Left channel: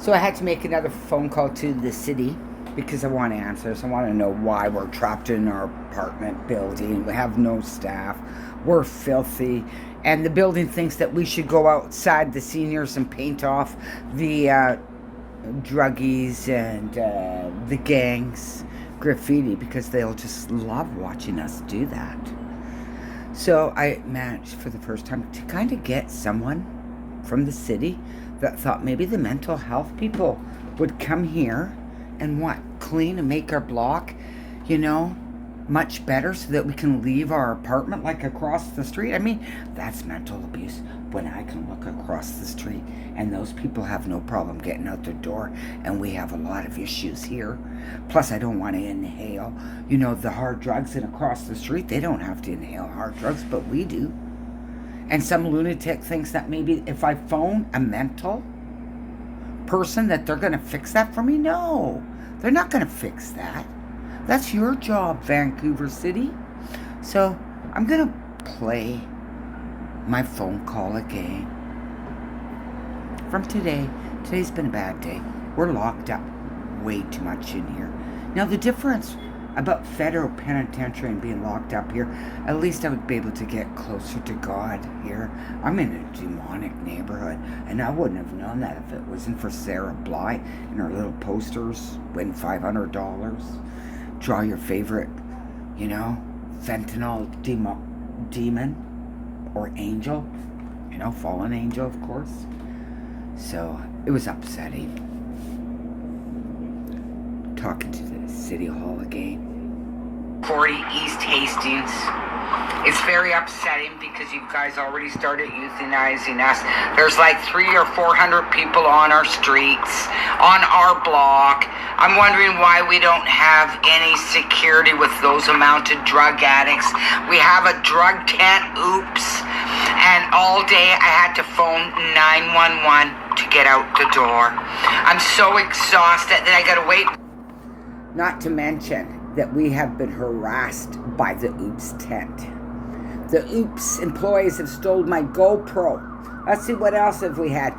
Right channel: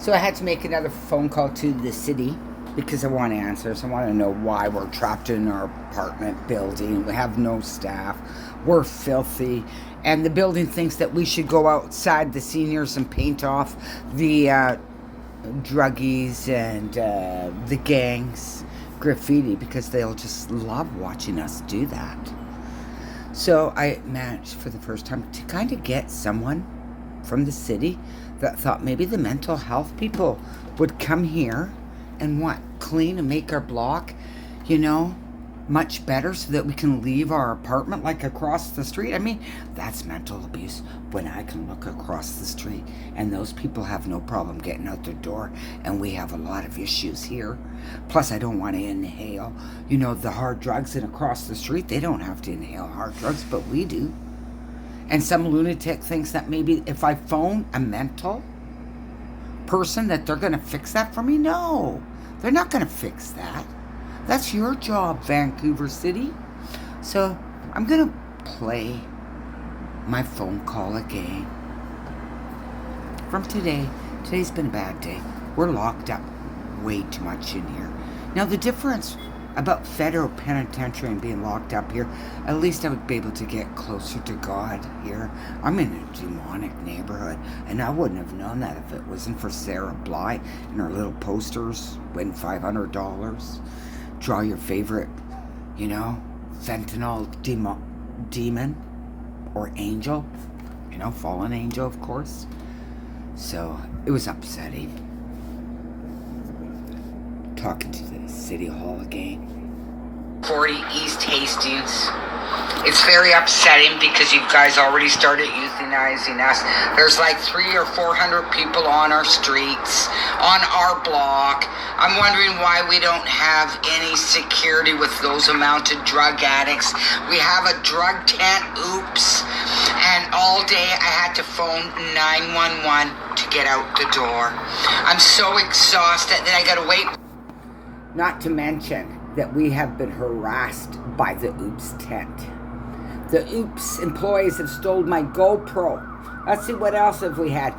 So I had to make another phone call to the city because I want answers. I want to know why we're trapped in our apartment building. We have no staff. We're filthy. And the building thinks that we should go outside, the seniors, and paint off the druggies and the gangs graffiti because they'll just love watching us do that. So I managed for the first time to kind of get someone from the city that thought maybe the mental health people would come here and clean and make our block, much better so that we can leave our apartment like across the street. I mean, that's mental abuse when I can look across the street and those people have no problem getting out their door, and we have a lot of issues here. Plus, I don't want to inhale, the hard drugs, and across the street, they don't have to inhale hard drugs, but we do. And some lunatic thinks that maybe if I phone a mental person that they're going to fix that for me. No, they're not going to fix that. That's your job, Vancouver City. So I'm going to play my phone call again. From today. Today's been a bad day. We're locked up way too much in here. Now the difference about federal penitentiary and being locked up here, at least I would be able to get closer to God here. I'm in a demonic neighborhood, and I wouldn't have known that if it wasn't for Sarah Bly and her little posters, win $500, draw your favorite, fentanyl demon or angel, fallen angel, of course. So it was upsetting. Talking to the City Hall again. 40 East Hastings. It's very upsetting because you guys already started euthanizing us. There's like 300 or 400 people on our streets, on our block. I'm wondering why we don't have any security with those amount of drug addicts. We have a drug tent, oops. And all day I had to phone 911 to get out the door. I'm so exhausted that I gotta wait. Not to mention that we have been harassed by the Oops tent. The Oops employees have stolen my GoPro. Let's see, what else have we had?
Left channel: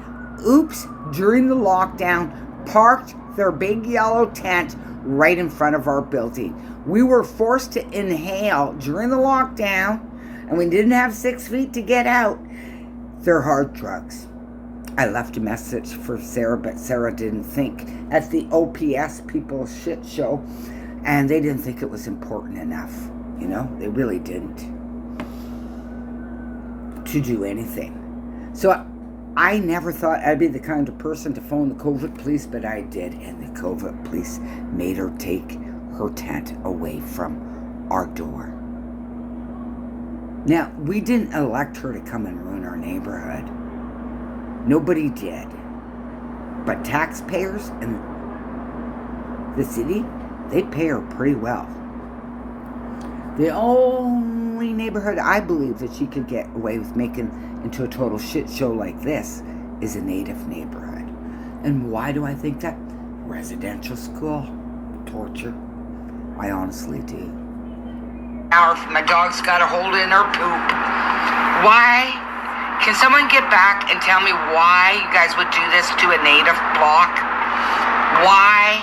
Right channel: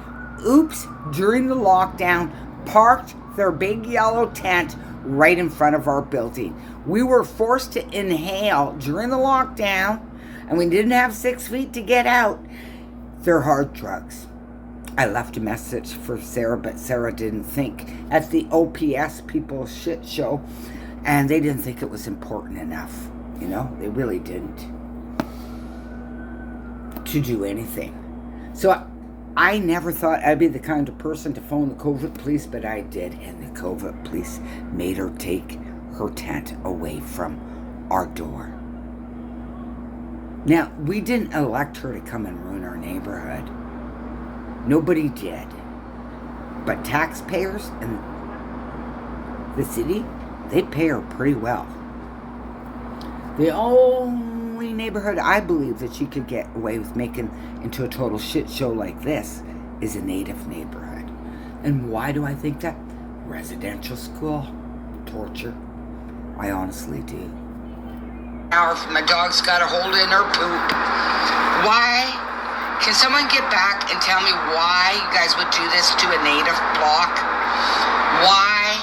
Oops, during the lockdown, parked their big yellow tent right in front of our building. We were forced to inhale during the lockdown, and we didn't have 6 feet to get out. They're hard drugs. I left a message for Sarah, but Sarah didn't think at the OPS people shit show, and they didn't think it was important enough. They really didn't, to do anything. So I never thought I'd be the kind of person to phone the COVID police, but I did, and the COVID police made her take her tent away from our door. Now, we didn't elect her to come and ruin our neighborhood. Nobody did. But taxpayers and the city, they pay her pretty well. The only neighborhood I believe that she could get away with making into a total shit show like this is a native neighborhood. And why do I think that? Residential school. Torture. I honestly do. Now, if my dog's got a hold in her poop, why? Can someone get back and tell me why you guys would do this to a native block? Why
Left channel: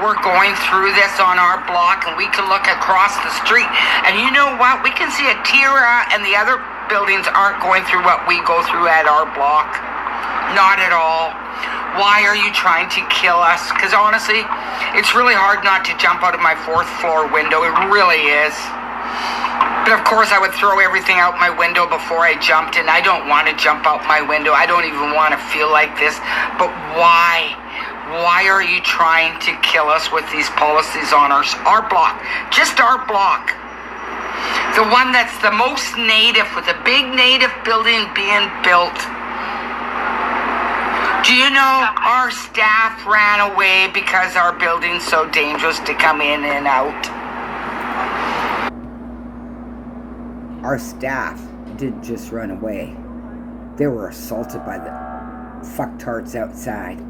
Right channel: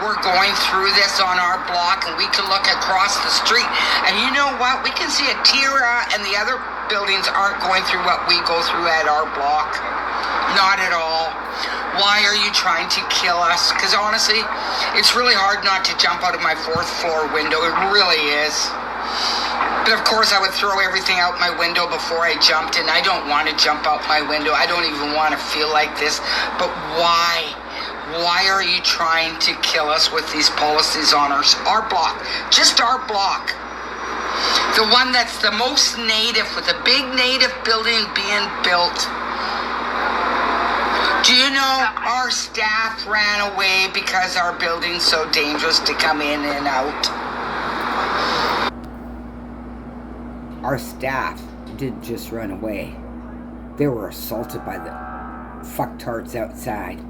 we're going through this on our block and we can look across the street. And you know what? We can see a Tira and the other buildings aren't going through what we go through at our block. Not at all. Why are you trying to kill us? Because honestly, it's really hard not to jump out of my 4th floor window. It really is. But of course I would throw everything out my window before I jumped, and I don't want to jump out my window. I don't even want to feel like this. But why? Why are you trying to kill us with these policies on our block? Just our block. The one that's the most native, with a big native building being built. Do you know our staff ran away because our building's so dangerous to come in and out? Our staff didn't just run away. They were assaulted by the fucktards outside.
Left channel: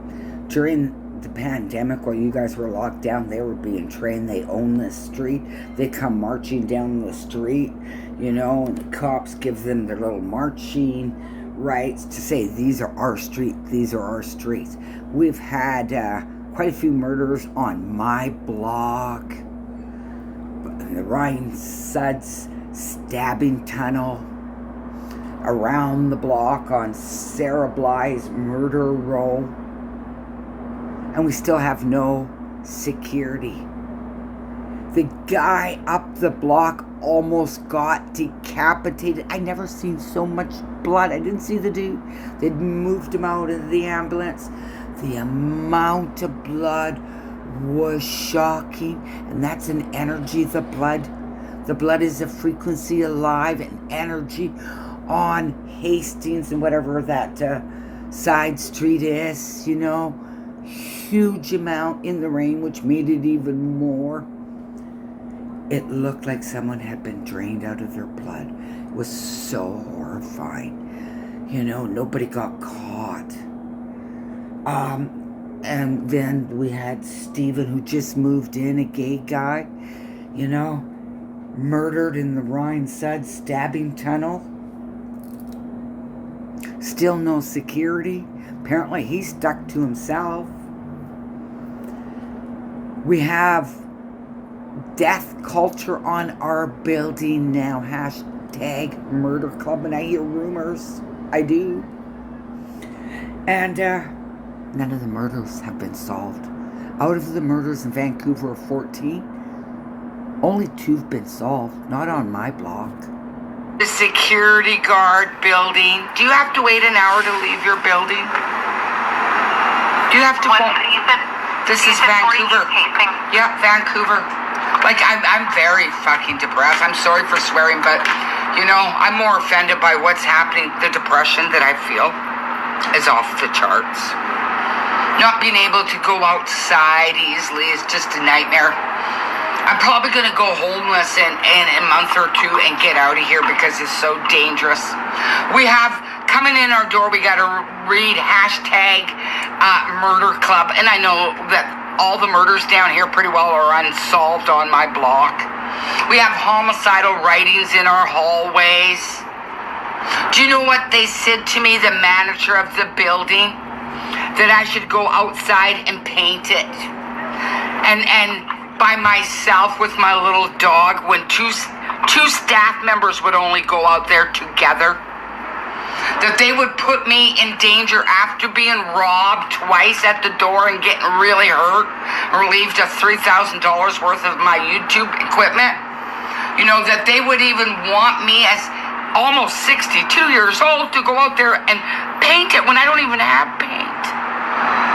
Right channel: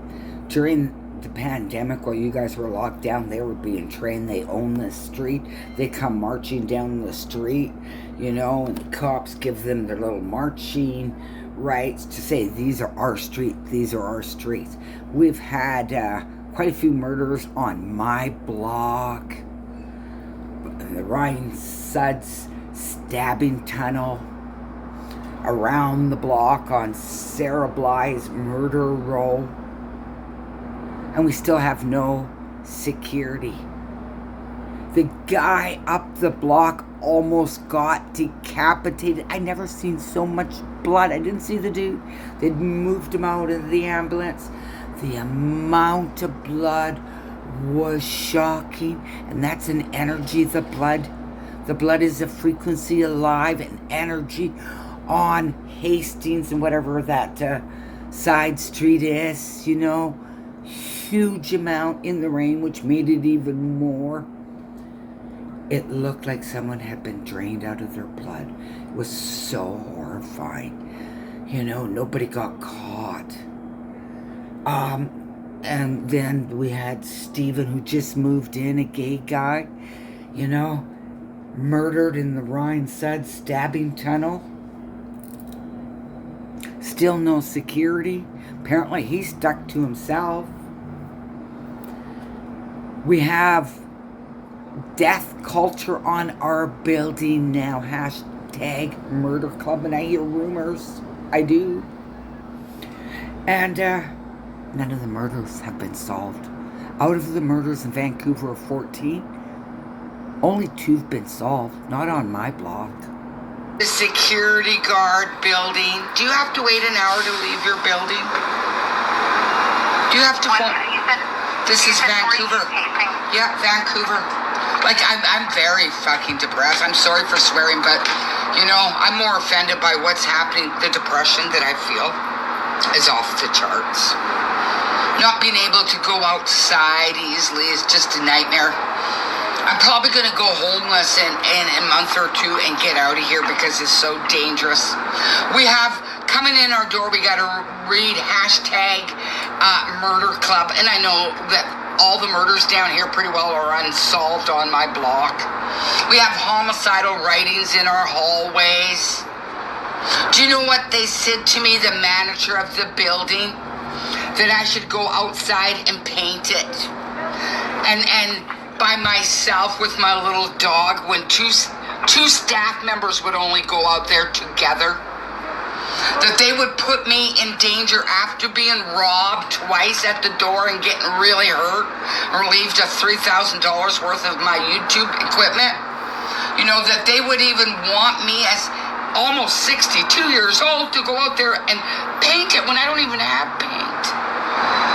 During the pandemic, while you guys were locked down, they were being trained. They own this street. They come marching down the street, and the cops give them their little marching rights to say these are our streets, these are our streets. We've had quite a few murders on my block, the Ryan Suds stabbing tunnel, around the block on Sarah Bly's murder row, and we still have no security. The guy up the block almost got decapitated. I never seen so much blood. I didn't see the dude. They'd moved him out of the ambulance. The amount of blood was shocking, and that's an energy, the blood. The blood is a frequency alive and energy on Hastings and whatever that side street is, you know. Huge amount in the rain, which made it even more. It looked like someone had been drained out of their blood. It was so horrifying. You know, nobody got caught. And then we had Stephen, who just moved in, a gay guy, you know, murdered in the Ryan Sud stabbing tunnel. Still no security. Apparently he's stuck to himself. We have death culture on our building now. Hashtag murder club. And I hear rumors. I do. And none of the murders have been solved. Out of the murders in Vancouver of 14, only 2 have been solved. Not on my block. The security guard building. Do you have to wait an hour to leave your building? Do you have to phone? This is Vancouver. Yeah, Vancouver. Like, I'm very fucking depressed. I'm sorry for swearing, but, you know, I'm more offended by what's happening. The depression that I feel is off the charts. Not being able to go outside easily is just a nightmare. I'm probably going to go homeless in a month or 2 and get out of here because it's so dangerous. We have, coming in our door, we got to read hashtag murder club. And I know that all the murders down here pretty well are unsolved on my block. We have homicidal writings in our hallways. Do you know what they said to me, the manager of the building? That I should go outside and paint it. And by myself with my little dog, when two staff members would only go out there together, that they would put me in danger after being robbed twice at the door and getting really hurt, or relieved of $3,000 worth of my YouTube equipment. You know, that they would even want me as almost 62 years old to go out there and paint it when I don't even have paint.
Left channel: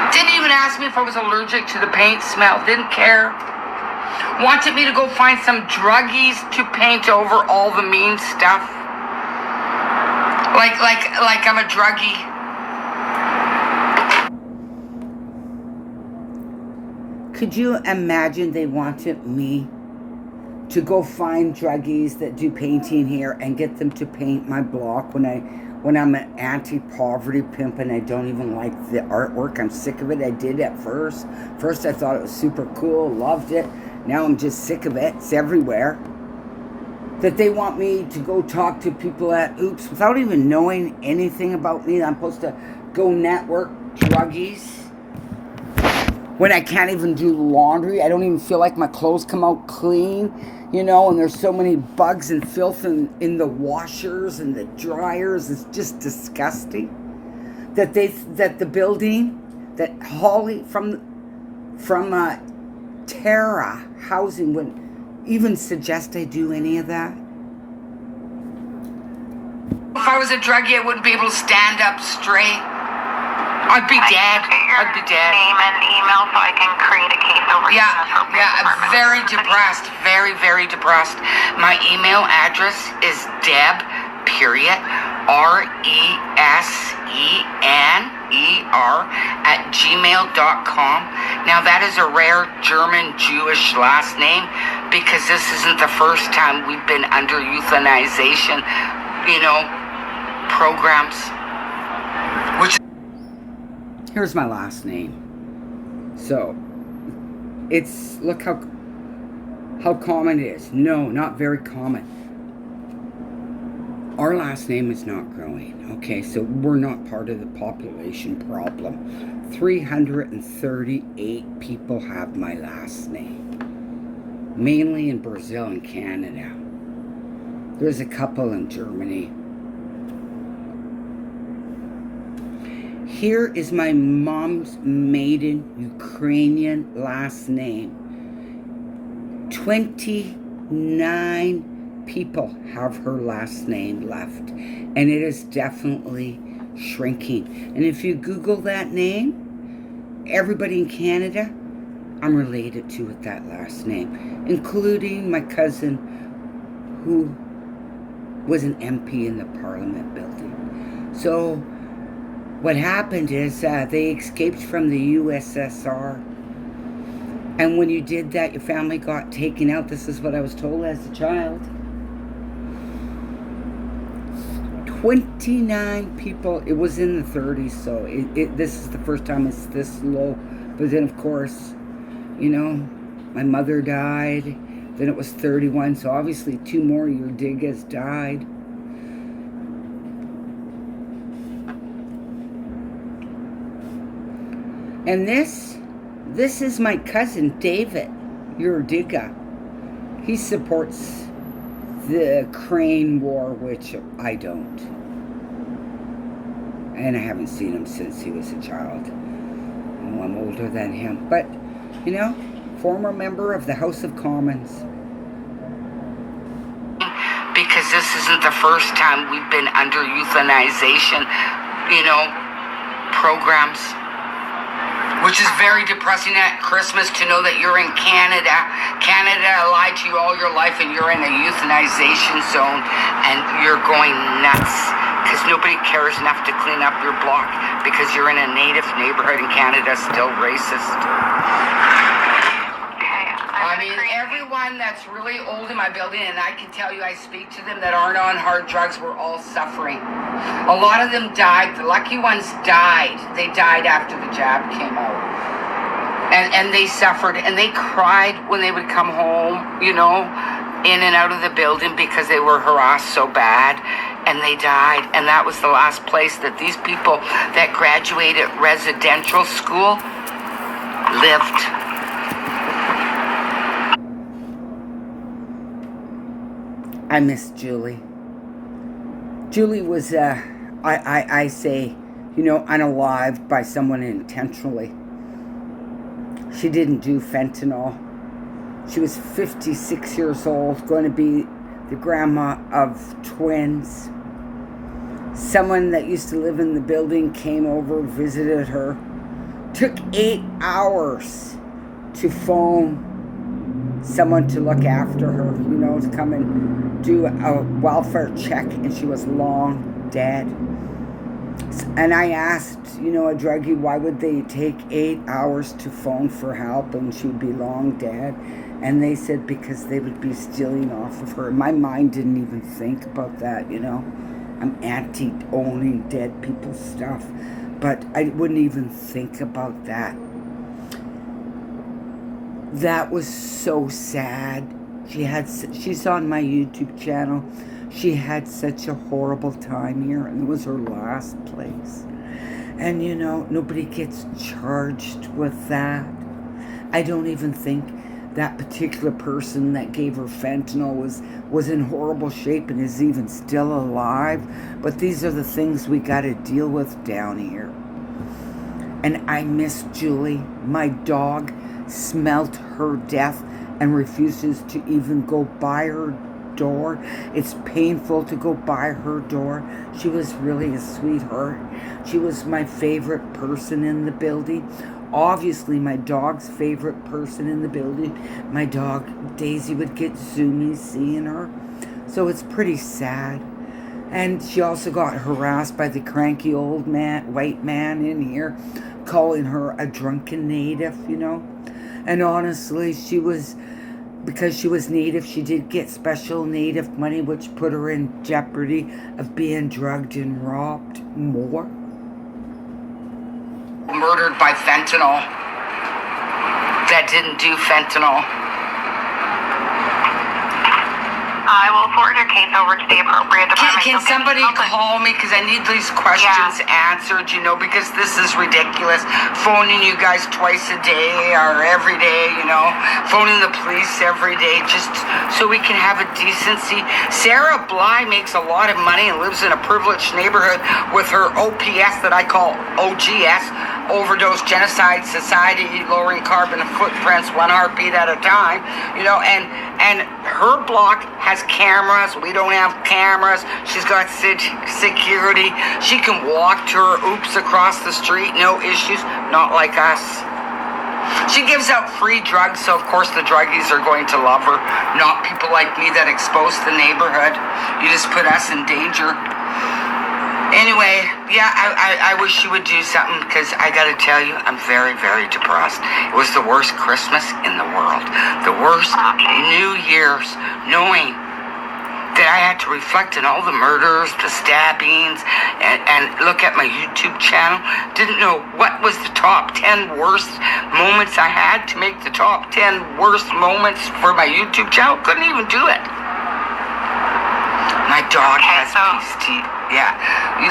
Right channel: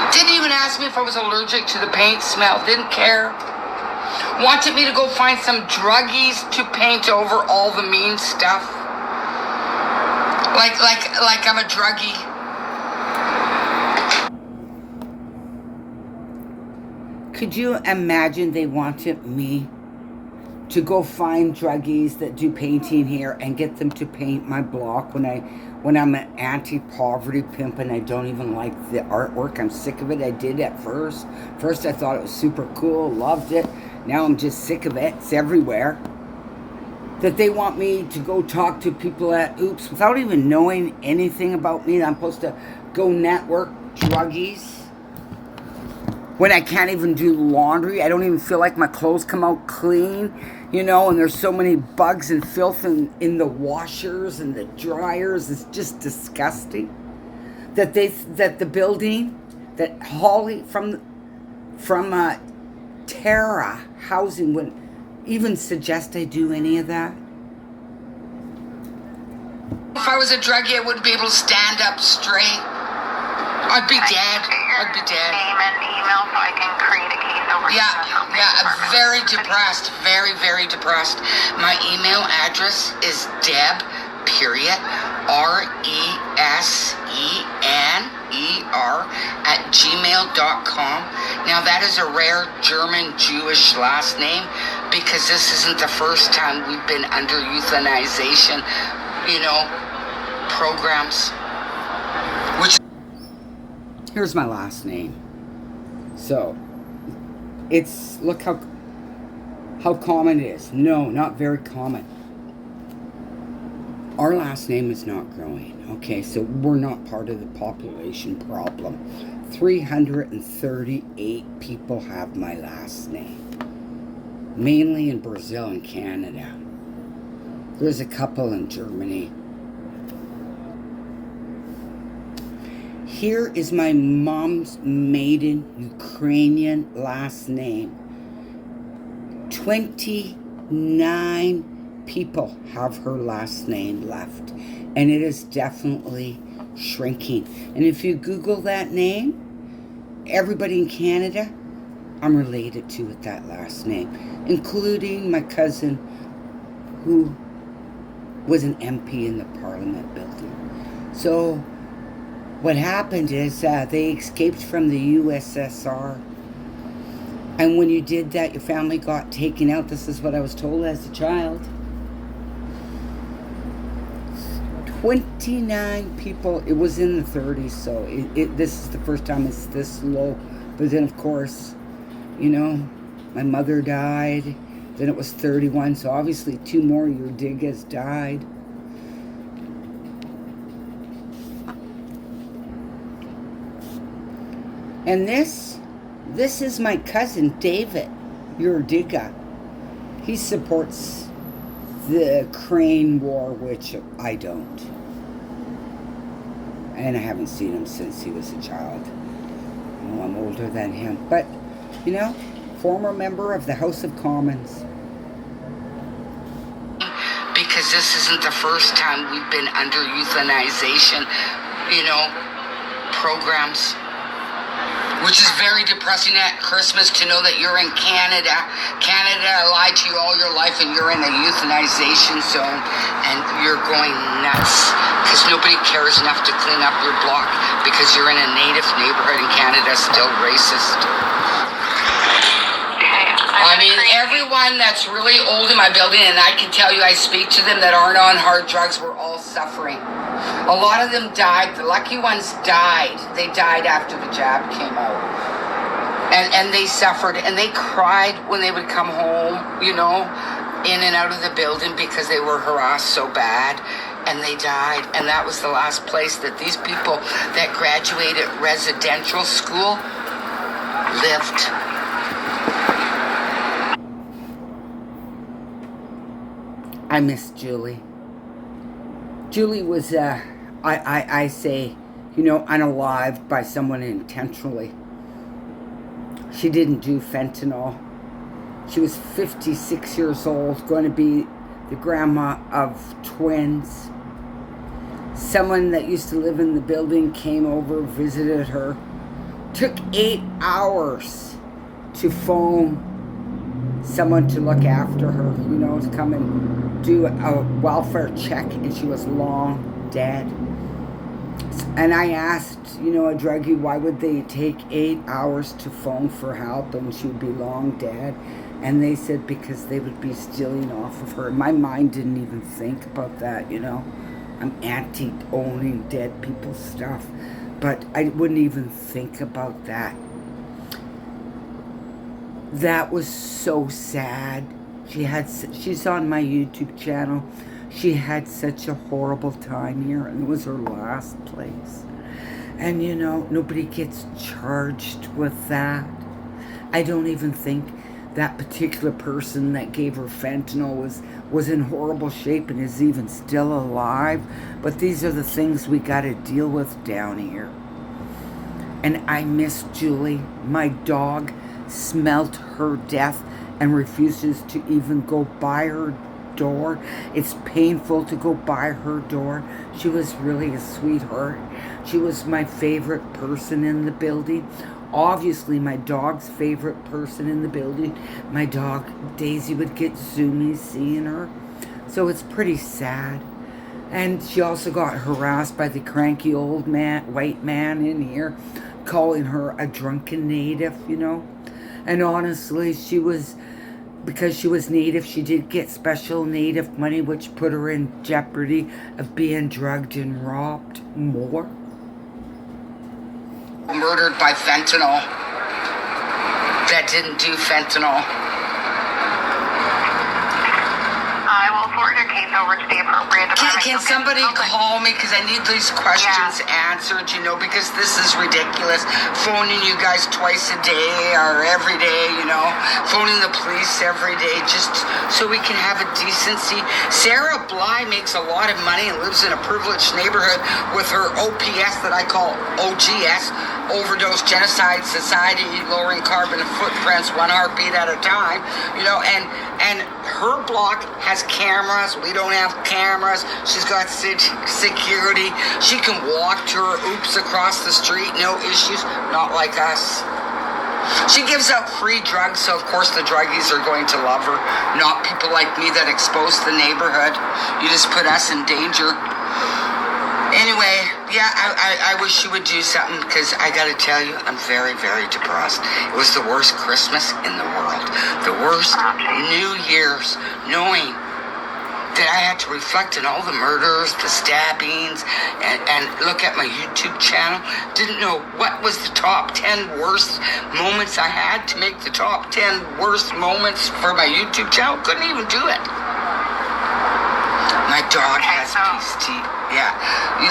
Didn't even ask me if I was allergic to the paint smell. Didn't care. Wanted me to go find some druggies to paint over all the mean stuff. Like I'm a druggie. Could you imagine they wanted me to go find druggies that do painting here and get them to paint my block when I'm an anti-poverty pimp and I don't even like the artwork? I'm sick of it. I did at first. First I thought it was super cool, loved it. Now I'm just sick of it. It's everywhere. That they want me to go talk to people at Oops without even knowing anything about me. I'm supposed to go network druggies when I can't even do laundry. I don't even feel like my clothes come out clean, you know, and there's so many bugs and filth in the washers and the dryers. It's just disgusting. That the building, that Holly from Terra Housing would even suggest I do any of that. If I was a druggie, I wouldn't be able to stand up straight. I'd be dead. I'd be dead. Name and email so I can create a case over. Yeah, very depressed. Very, very depressed. My email address is Deb, period, RESENER @gmail.com. Now that is a rare German Jewish last name because this isn't the first time we've been under euthanization, you know, programs. Which here's my last name. So it's, look how common it is. No, not very common. Our last name is not growing. Okay, so we're not part of the population problem. 338 people have my last name, mainly in Brazil and Canada. There's a couple in Germany. Here is my mom's maiden Ukrainian last name. 29 people have her last name left, and it is definitely shrinking. And if you Google that name, everybody in Canada I'm related to with that last name, including my cousin who was an MP in the Parliament building. So what happened is they escaped from the USSR. And when you did that, your family got taken out. This is what I was told as a child. 29 people. It was in the 30s, so this is the first time it's this low. But then, of course, you know, my mother died. Then it was 31, so obviously 2 more your Digas died. And this is my cousin David, your Diga. He supports the Ukraine war, which I don't. And I haven't seen him since he was a child. You know, I'm older than him. But, you know, former member of the House of Commons. Because this isn't the first time we've been under euthanization, you know, programs. Which is very depressing at Christmas to know that you're in Canada. Canada lied to you all your life and you're in a euthanization zone and you're going nuts because nobody cares enough to clean up your block because you're in a native neighborhood and Canada's still racist. I mean, everyone that's really old in my building, and I can tell you I speak to them that aren't on hard drugs, we're all suffering. A lot of them died. The lucky ones died. They died after the jab came out. And they suffered, and they cried when they would come home, you know, in and out of the building because they were harassed so bad, and they died. And that was the last place that these people that graduated residential school lived. I miss Julie. Julie was, I say, you know, unalived by someone intentionally. She didn't do fentanyl. She was 56 years old, going to be the grandma of twins. Someone that used to live in the building came over, visited her. Took 8 hours to phone someone to look after her, you know, to come and do a welfare check, and she was long dead. And I asked, you know, a druggie, why would they take 8 hours to phone for help and she would be long dead? And they said because they would be stealing off of her. My mind didn't even think about that, you know. I'm anti-owning dead people's stuff, but I wouldn't even think about that. That was so sad. She's on my YouTube channel. She had such a horrible time here, and it was her last place. And you know, nobody gets charged with that. I don't even think that particular person that gave her fentanyl was in horrible shape and is even still alive. But these are the things we got to deal with down here. And I miss Julie. My dog smelt her death and refuses to even go by her door. It's painful to go by her door. She was really a sweetheart. She was my favorite person in the building. Obviously my dog's favorite person in the building. My dog Daisy would get zoomies seeing her. So it's pretty sad. And she also got harassed by the cranky old man, white man in here, calling her a drunken native, you know. And honestly, because she was native, she did get special native money, which put her in jeopardy of being drugged and robbed more. Murdered by fentanyl. That didn't do fentanyl. I will forward your case over to the appropriate department. Can somebody call me, because I need these questions answered, you know, because this is ridiculous. Phoning you guys twice a day or every day, you know, phoning the police every day just so we can have a decency. Sarah Bly makes a lot of money and lives in a privileged neighborhood with her OPS that I call OGS, Overdose Genocide Society, lowering carbon footprints one heartbeat at a time, you know, and her block has cameras. We don't have cameras. She's got security. She can walk to her oops across the street, no issues. Not like us. She gives out free drugs, so of course the druggies are going to love her. Not people like me that expose the neighborhood. You just put us in danger. Anyway, yeah, I wish she would do something, because I gotta tell you, I'm very, very depressed. It was the worst Christmas in the world. The worst New Year's, knowing that I had to reflect on all the murders, the stabbings, and look at my YouTube channel. Didn't know what was the top 10 worst moments I had to make the top 10 worst moments for my YouTube channel. Couldn't even do it. My dog has PST. Yeah.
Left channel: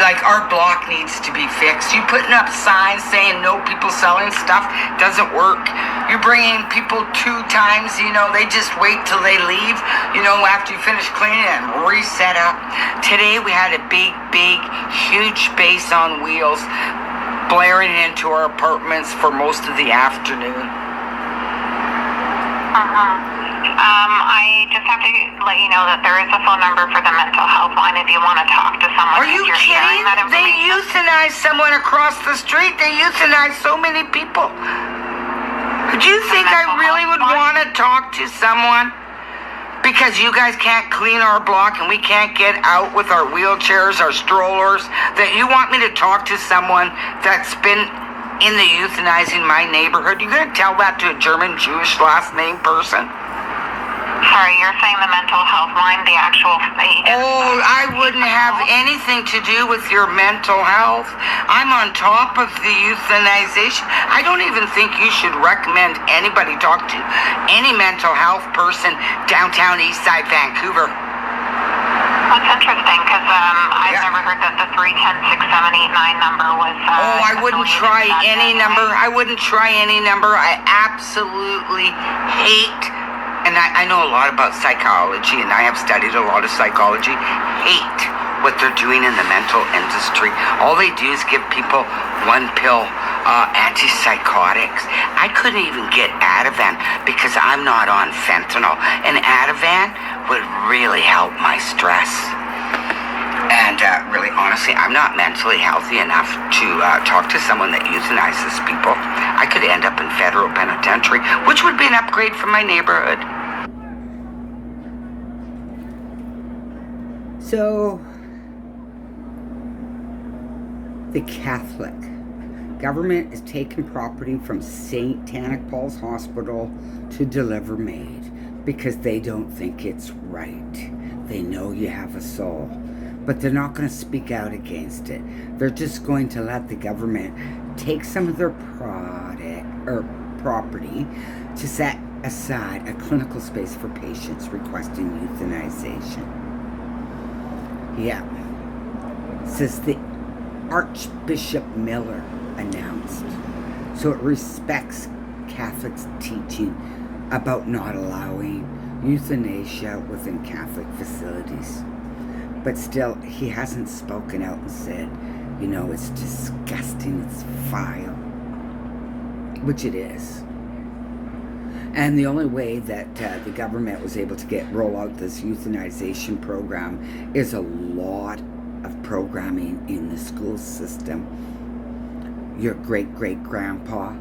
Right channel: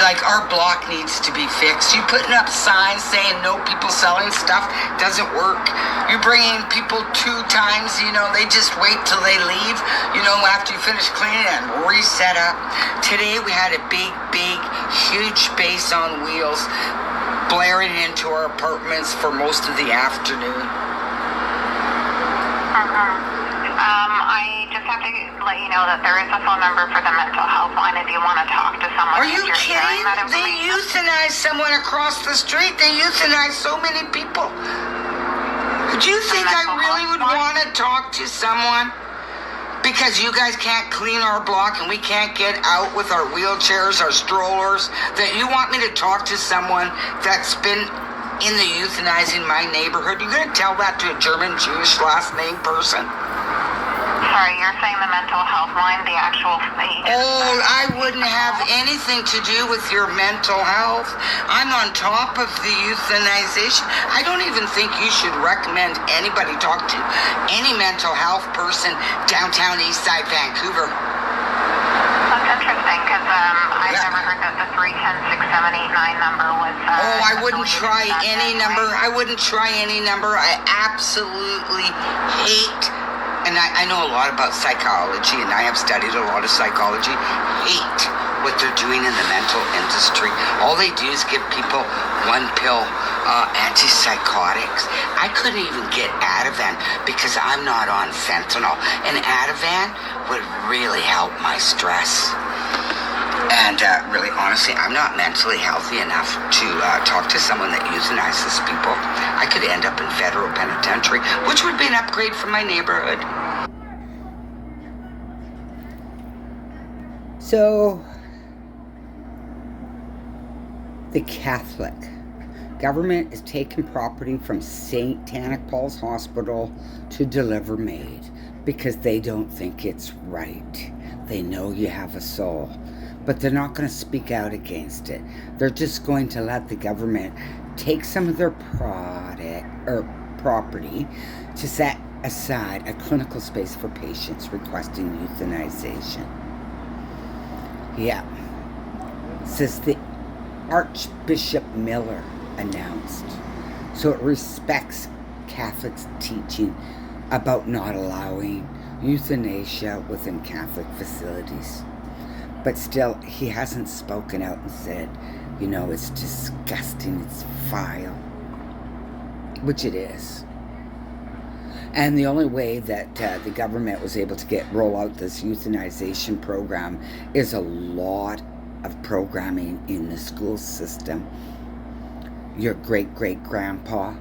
Like, our block needs to be fixed. You putting up signs saying no people selling stuff doesn't work. You're bringing people 2 times, you know, they just wait till they leave, you know, after you finish cleaning and reset up. Today we had a big, huge bass on wheels blaring into our apartments for most of the afternoon. I just have to let you know that there is a phone number for the mental health line if you want to talk to someone. Are you kidding? They euthanized someone across the street. They euthanized so many people. Do you think I really would want to talk to someone? Because you guys can't clean our block and we can't get out with our wheelchairs, our strollers, that you want me to talk to someone that's been in the euthanizing my neighborhood? You're going to tell that to a German Jewish last name person? Sorry, you're saying the mental health line, the actual state. Oh, I wouldn't have anything to do with your mental health. I'm on top of the euthanization. I don't even think you should recommend anybody talk to any mental health person downtown Eastside Vancouver. That's interesting, because I've never heard that the 310-6789 number was... oh, I wouldn't try any number. I wouldn't try any number. I absolutely hate... and I know a lot about psychology, and I have studied a lot of psychology. Hate what they're doing in the mental industry. All they do is give people one pill antipsychotics. I couldn't even get Ativan because I'm not on fentanyl. And Ativan would really help my stress. And really, honestly, I'm not mentally healthy enough to talk to someone that euthanizes people. I could end up in federal penitentiary, which would be an upgrade for my neighborhood. So, the Catholic government is taking property from St. Tannic Paul's Hospital to deliver Maid because they don't think it's right. They know you have a soul, but they're not going to speak out against it. They're just going to let the government take some of their property to set aside a clinical space for patients requesting euthanization. Yeah. Says the Archbishop Miller announced. So it respects Catholics' teaching about not allowing euthanasia within Catholic facilities. But still, he hasn't spoken out and said, you know, it's disgusting, it's vile. Which it is. And the only way that the government was able to roll out this euthanization program is a lot of programming in the school system. Your great-great-grandpa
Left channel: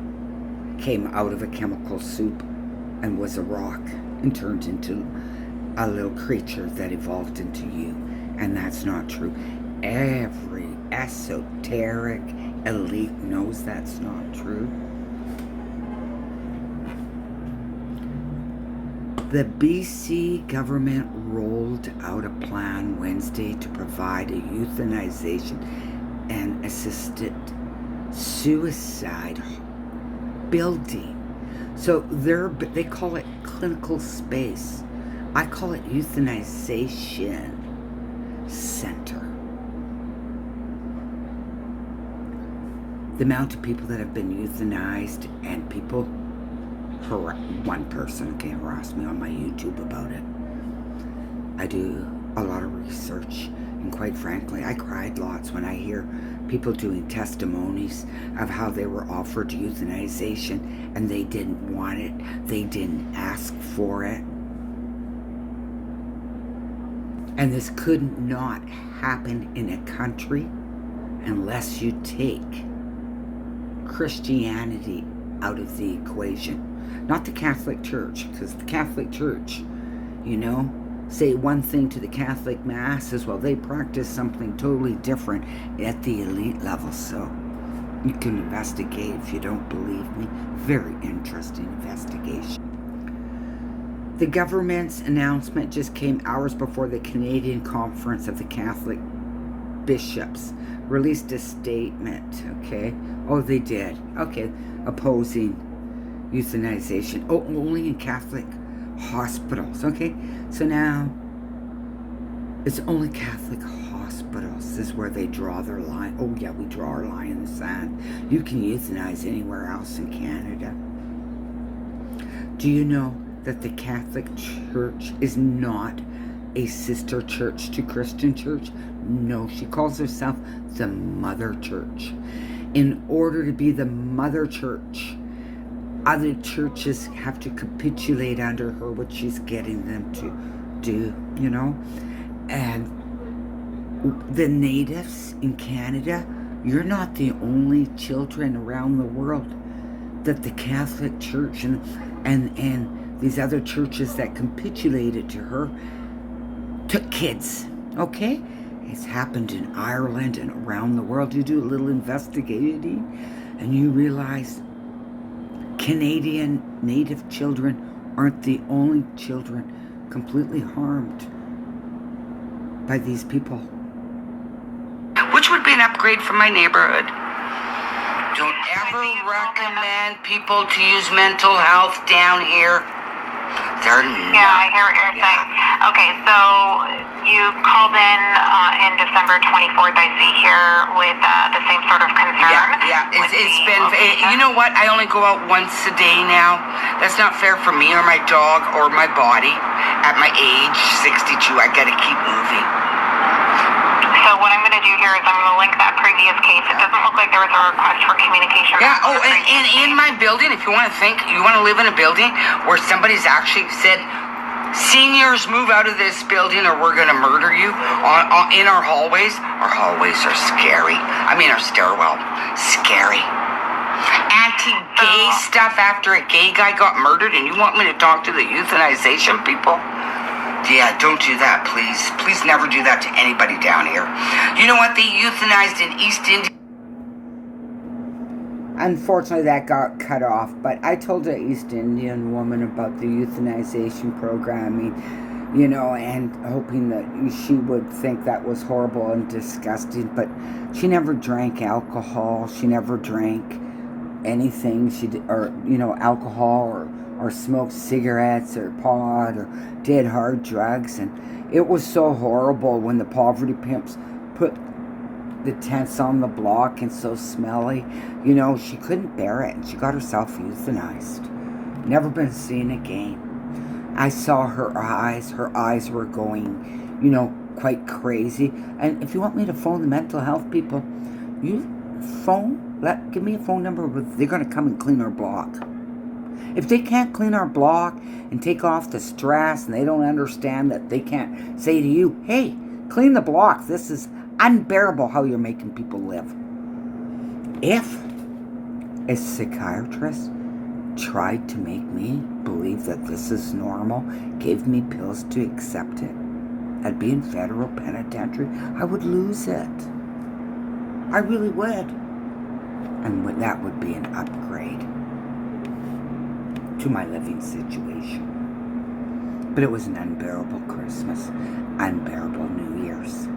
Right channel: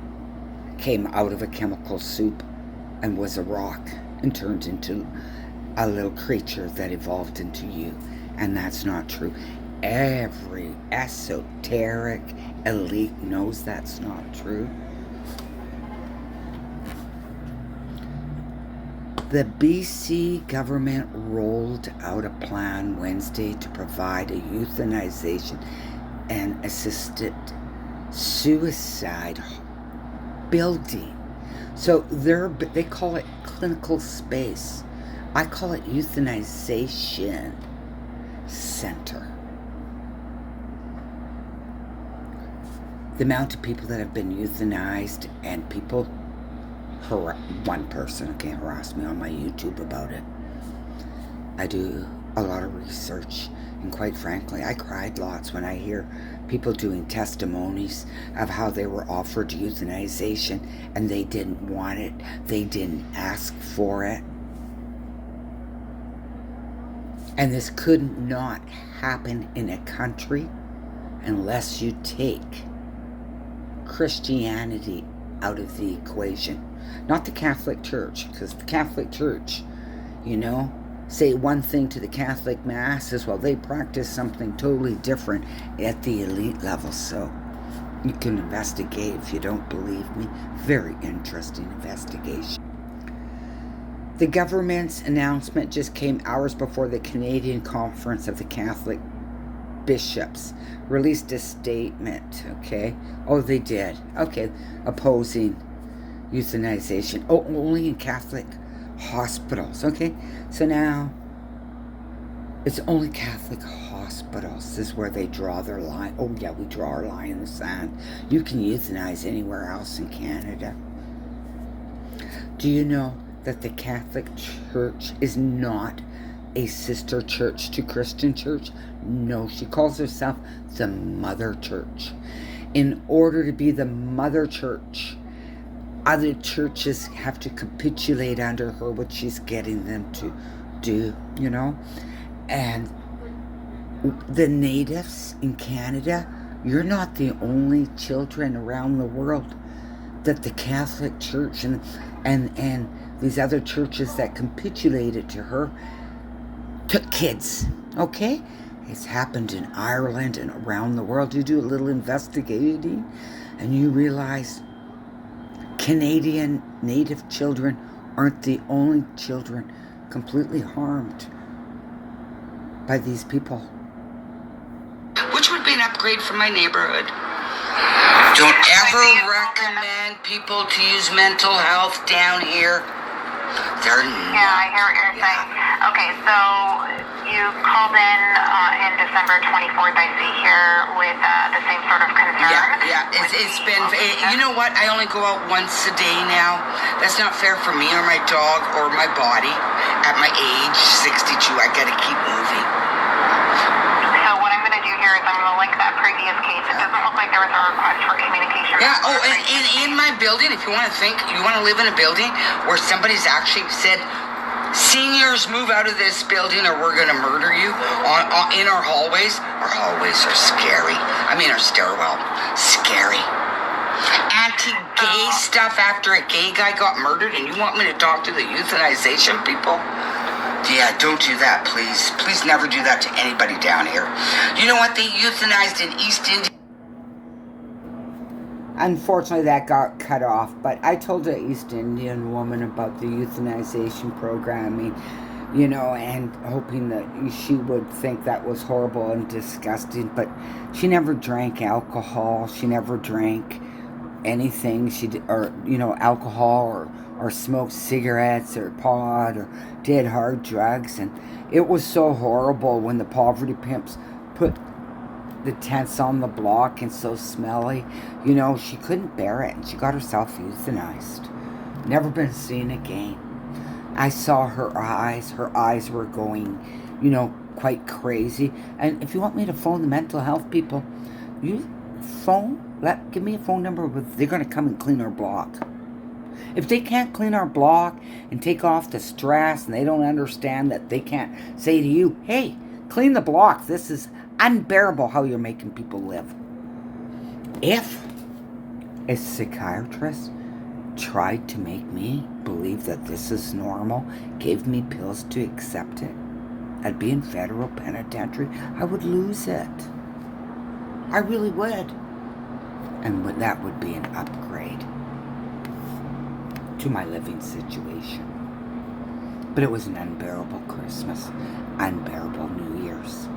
came out of a chemical soup and was a rock and turned into a little creature that evolved into you. And that's not true. Every esoteric elite knows that's not true. The BC government rolled out a plan Wednesday to provide a euthanization and assisted suicide building. So they call it clinical space I call it euthanization center. The amount of people that have been euthanized, and people, one person harassed me on my YouTube about it. I do a lot of research, and quite frankly, I cried lots when I hear people doing testimonies of how they were offered euthanization and they didn't want it, they didn't ask for it. And this could not happen in a country unless you take Christianity out of the equation. Not the Catholic Church, because the Catholic Church, say one thing to the Catholic Mass as well. They practice something totally different at the elite level. So you can investigate if you don't believe me. Very interesting investigation. The government's announcement just came hours before the Canadian Conference of the Catholic Bishops released a statement, okay? Oh, they did. Okay, opposing euthanization. Oh, only in Catholic hospitals, okay? So now, it's only Catholic hospitals. This is where they draw their line. Oh yeah, we draw our line in the sand. You can euthanize anywhere else in Canada. Do you know that the Catholic Church is not a sister church to Christian Church? No, she calls herself the Mother Church. In order to be the Mother Church, other churches have to capitulate under her, what she's getting them to do, And the natives in Canada, you're not the only children around the world that the Catholic Church and these other churches that capitulated to her took kids, okay? It's happened in Ireland and around the world. You do a little investigating and you realize Canadian native children aren't the only children completely harmed by these people. Which would be an upgrade from my neighborhood. Don't ever recommend people to use mental health down here. Yeah, I hear what you're saying. Okay, so you called in December 24th, I see here, with the same sort of concern. Yeah. It's been, you know what? I only go out once a day now. That's not fair for me or my dog or my body. At my age, 62, I gotta keep moving. So what I'm going to do here is I'm going to link that previous case. It doesn't look like there was a request for communication. Yeah, and in my building, if you want to live in a building where somebody's actually said, seniors, move out of this building or we're going to murder you in our hallways. Our hallways are scary. I mean, our stairwell, scary. Anti-gay stuff after a gay guy got murdered, and you want me to talk to the euthanization people? Yeah, don't do that, please. Please never do that to anybody down here. You know what? They euthanized in East India. Unfortunately, that got cut off, but I told an East Indian woman about the euthanization programming, and hoping that she would think that was horrible and disgusting, but she never drank alcohol. She never drank anything. Alcohol or smoked cigarettes or pot or did hard drugs. And it was so horrible when the poverty pimps put the tents on the block and so smelly. She couldn't bear it and she got herself euthanized. Never been seen again. I saw her eyes. Her eyes were going, quite crazy. And if you want me to phone the mental health people, give me a phone number. They're going to come and clean our block. If they can't clean our block and take off the stress, and they don't understand that they can't say to you, hey, clean the block. This is unbearable how you're making people live. If a psychiatrist tried to make me believe that this is normal, gave me pills to accept it, I'd be in federal penitentiary. I would lose it. I really would. And that would be an upgrade to my living situation. But it was an unbearable Christmas, unbearable New Year's.